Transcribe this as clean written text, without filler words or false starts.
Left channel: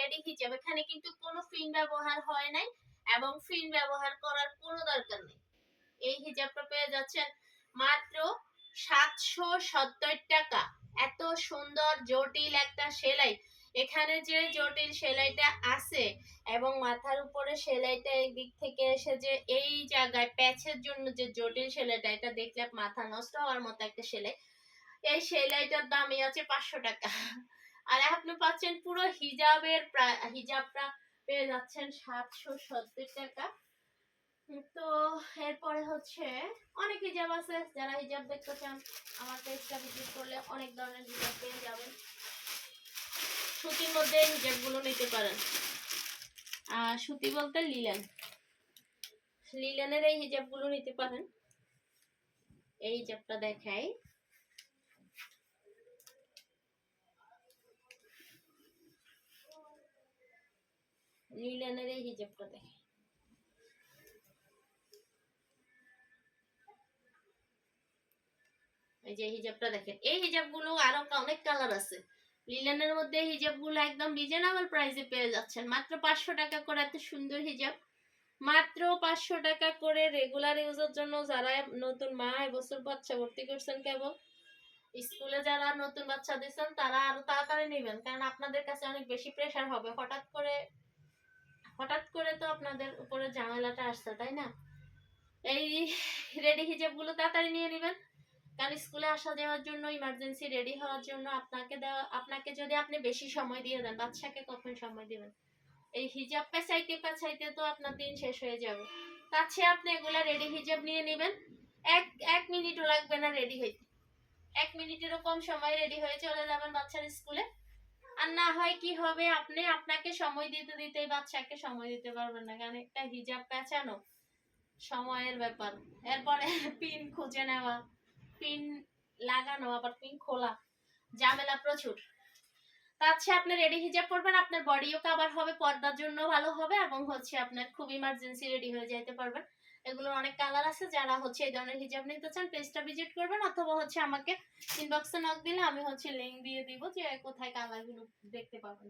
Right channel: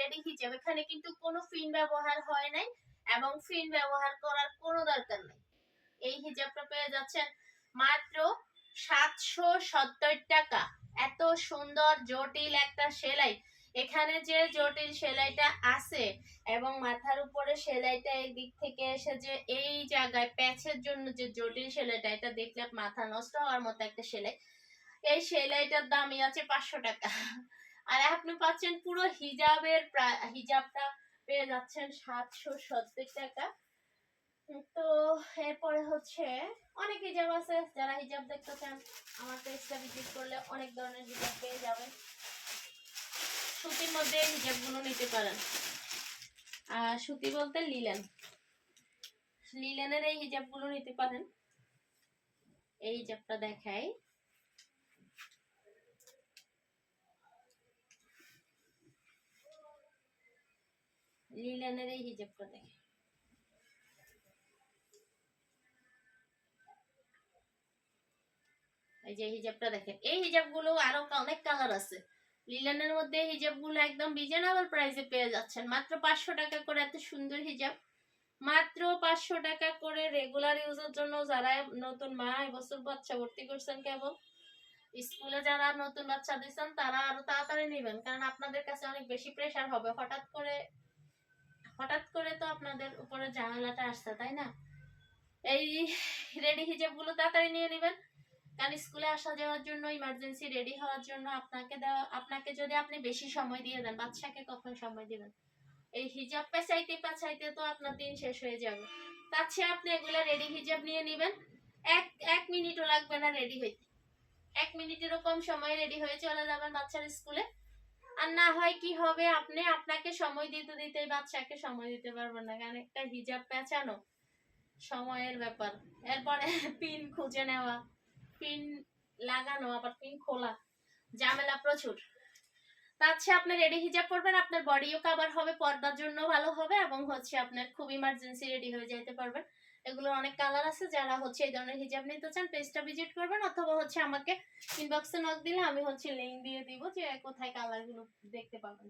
Ready হিজাব, এখানে কিন্তু কোনো ফিন ব্যবহার হয় নাই এবং ফিন ব্যবহার করার কোনো দরকার নেই। এই হিজাবটা পেয়ে যাচ্ছেন মাত্র 770 টাকা। এত সুন্দর জটিল একটা সেলাই, এখানে যে জটিল সেলাইটা আছে এবং মাথার উপরে সেলাইটা এই দিক থেকে এসে যে এই জায়গায় প্যাচের জন্য যে জটিল সেলাইটা, এটা দেখলে মাথা নষ্ট হওয়ার মতো একটা সেলাই। এই সেলাইটার দামই আছে 500 টাকা। আর আপনি পাচ্ছেন পুরো হিজাবটা পেয়ে যাচ্ছেন 770 টাকা। তো এরপরে হচ্ছে অনেক হিজাব আছে, যারা হিজাব দেখতে চান আমার পেজটা ভিজিট করলে অনেক ধরনের হিজাব পেয়ে যাবেন। সুতির মধ্যে হিজাবগুলো নিতে পারেন। সুতি বলতে লিলেনের এই হিজাবগুলো নিতে পারেন। এই হিজাবটা দেখাই, লিলেনের এই হিজাবটা দেখাই। এই যে হিজাবটা দেখেন, এই হিজাবগুলো আরো অনেক কালার আছে। লিলেনের মধ্যে হিজাবগুলো একদম রিজনেবল প্রাইসে পেয়ে যাচ্ছেন মাত্র 500 টাকা করে। এত সুন্দর হিজাব মাত্র 500 টাকা করে রেগুলার ইউজের জন্য। যারা নতুন মা এবছর বাচ্চা ভর্তি করছেন, কেবল স্কুলে যারা নতুন বাচ্চা দিচ্ছেন তারা আরো তাড়াতাড়ি নেবেন, কারণ আপনাদের কাছে অনেক বেশি প্রেসার হবে। হঠাৎ করে তো আপনাদের উপরে ঝামেলাটা আসছে, তাই না? এই রেডি হিজাবগুলো তাড়াতাড়ি নিয়ে নেবেন, কারণ স্কুলে আসা যাওয়ার জন্য, ইমার্জেন্সি রেডি হওয়ার জন্য আপনাকে যদি আপনি বেশি সময় দিয়ে দেন, বাচ্চাকে কখন সময় দিবেন? এই হিজাব পেঁচাইতে তো আপনার দিন শেষ হয়ে যাবে। তার চেয়ে আপনি এগুলা রেডি হিজাব নিয়ে নেবেন, এক মিনিটও লাগবে না রেডি হইতে। 1 মিনিটেরও কম সময় রেডি হয়ে চলে যাবেন বাচ্চার স্কুলে। আর না হয় কি হবে, আপনাকে সময় দিতে দিতে বাচ্চাকে সময় দিতে পারবেন না, কারণ একটা হিজাব পেঁচানো সময়ের ব্যাপার। এরপরে পিন খুঁজে নেওয়া, পিন লাগানো, আবার পিন খোলা, ঝামেলা প্রচুর। তার চেয়ে আপনি রেডি হিজাব পরবেন, আপনার বডিও কভার হবে, পর্দার জন্য ভালো হবে, এবং হচ্ছে আপনার খুব ইমার্জেন্সি রেডি হয়ে যাইতে পারবেন। এগুলোর অনেক কালার আছে। যারা হচ্ছে এই ধরনের হিজাব নিতে চান পেজটা ভিজিট করবেন, অথবা হচ্ছে আমাকে ইনবক্সে নক দিলে আমি হচ্ছে লিংক দিয়ে দিব যে কোথায় কালারগুলো দেখতে পাবেন।